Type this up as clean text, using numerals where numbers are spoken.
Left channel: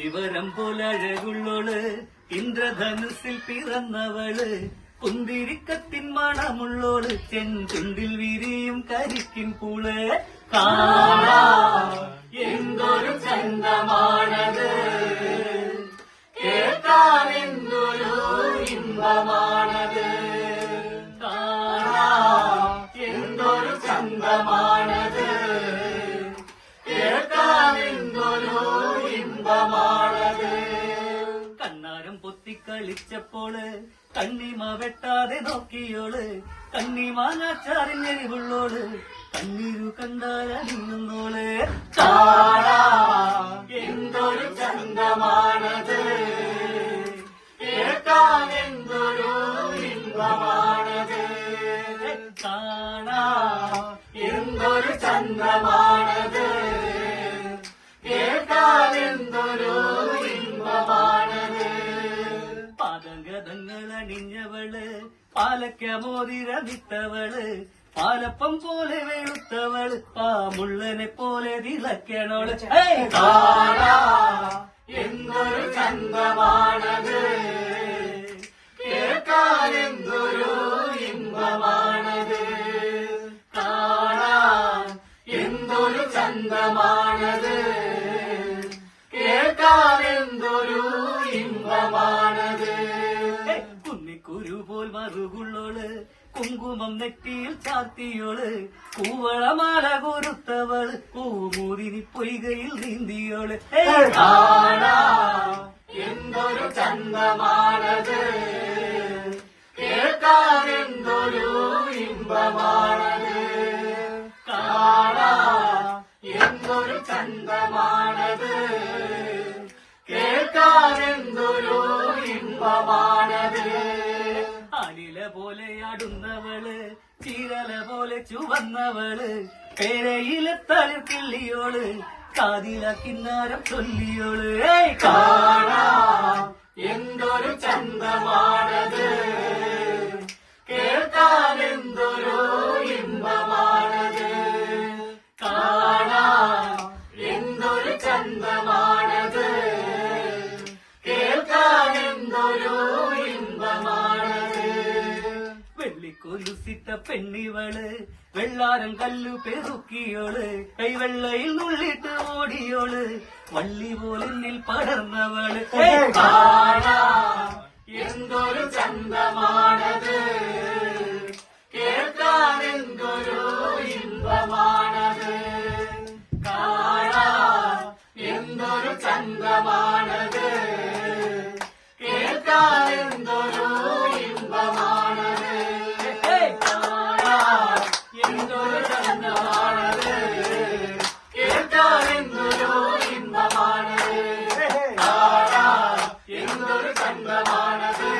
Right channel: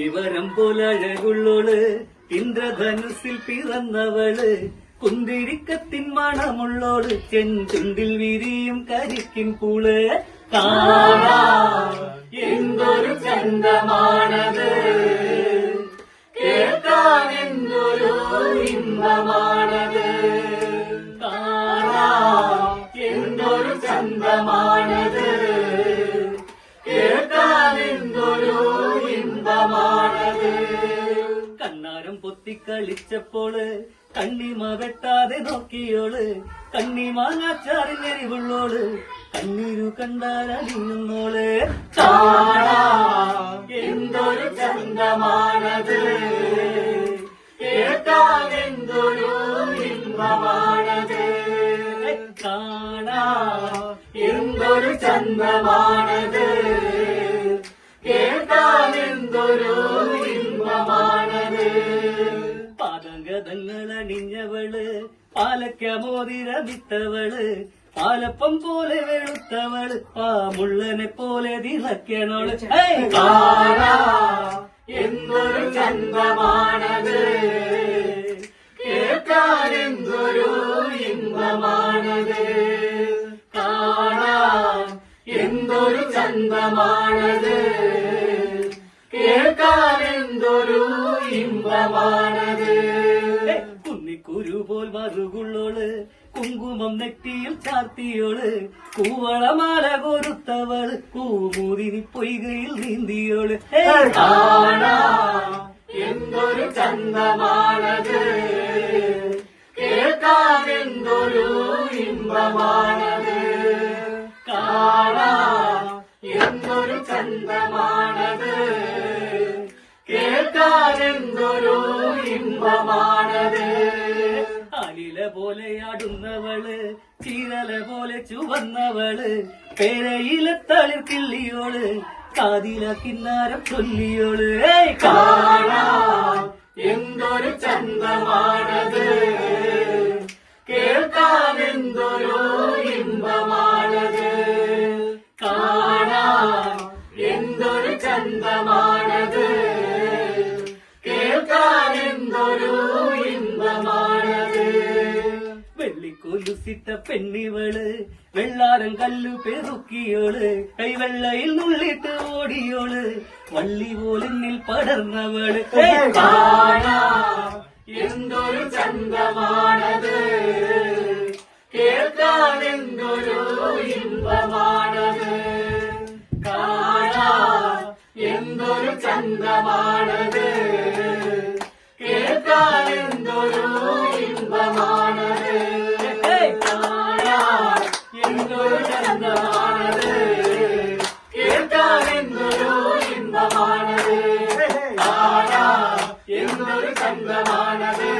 അത്തിവരം പോലഴകുള്ളോള് ഇന്ദ്രധനുസിൽ പിറന്നവള് കുന്തിരിക്കത്തിൻ മണമുള്ളോള് ചെന്തുണ്ടിൽ വിരിയും കരിക്കിൻ പൂള് കാണാൻ എന്തൊരു ചന്തമാണത് കേൾക്കാൻ എന്തൊരു ഇമ്പമാണത് കാണാൻ എന്തൊരു ചന്തമാണത് കേൾക്കാൻ എന്തൊരു ഇമ്പമാണത് കണ്ണാരം പൊത്തിക്കളിച്ചപ്പോള് കണ്ണിമ വെട്ടാതെ നോക്കിയോള് കണ്ണിമാങ്ങാച്ചാറിനെരിവുള്ളോള് കണ്ണീരു കണ്ടാലറിയുന്നോള് കാണാൻ എന്തൊരു ചന്തമാണത് കേൾക്കാൻ എന്തൊരു ഇമ്പമാണത് കാണാൻ എന്തൊരു ചന്തമാണത് കേൾക്കാൻ എന്തൊരു ഇമ്പമാണത് പാദഗതങ്ങളണിഞ്ഞവള് പാലക്ക മോതിരവിത്തവള് പാലപ്പം പോലെ വെളുത്തവള് പാമുള്ളനെ പോലെ തിളക്കണോള് കാണാൻ എന്തൊരു ചന്തമാണത് കേൾക്കാൻ എന്തൊരു ഇമ്പമാണത് കാണാൻ എന്തൊരു ചന്തമാണത് കേൾക്കാൻ എന്തൊരു ഇമ്പമാണത് കുന്നിക്കുരു പോൽ മറുകുള്ളോള് കുങ്കുമം നെറ്റിയിൽ ചാർത്തിയോള് കൂവളമാല കൊരുത്തവള് കൂമൂതിരി പൊയ്കയിൽ നീന്തിയോള് കാണാൻ എന്തൊരു ചന്തമാണത് കേൾക്കാൻ എന്തൊരു ഇമ്പമാണത് കാണാൻ എന്തൊരു ചന്തമാണത് കേൾക്കാൻ എന്തൊരു ഇമ്പമാണത് അലില പോലെ ആടുന്നവള് ചീരല പോലെ ചുവന്നവള് പേരയിലെ തളിർക്കിള്ളിയോള് കാതില കിന്നാരം ചൊല്ലിയോള് കാണാൻ എന്തൊരു ചന്തമാണത് കേൾക്കാൻ എന്തൊരു ഇമ്പമാണത് കാണാൻ എന്തൊരു ചന്തമാണത് കേൾക്കാൻ എന്തൊരു ഇമ്പമാണത് വെള്ളിക്കൊലുസിട്ട പെണ്ണിവള് വെള്ളാരം കല്ലു പെറുക്കിയോള് കൈവെള്ളയിൽ നുള്ളിട്ട് ഓടിയോള് വള്ളി പോലെന്നിൽ പടർന്നവള് കാണാൻ എന്തൊരു ചന്തമാണത് കേൾക്കാൻ എന്തൊരു ഇമ്പമാണത് കാണാൻ എന്തൊരു ചന്തമാണത് കേൾക്കാൻ എന്തൊരു ഇമ്പമാണത് കാണാൻ എന്തൊരു ചന്തമാണത് കേൾക്കാൻ എന്തൊരു ഇമ്പമാണത് കാണാൻ എന്തൊരു ചന്തമാണത്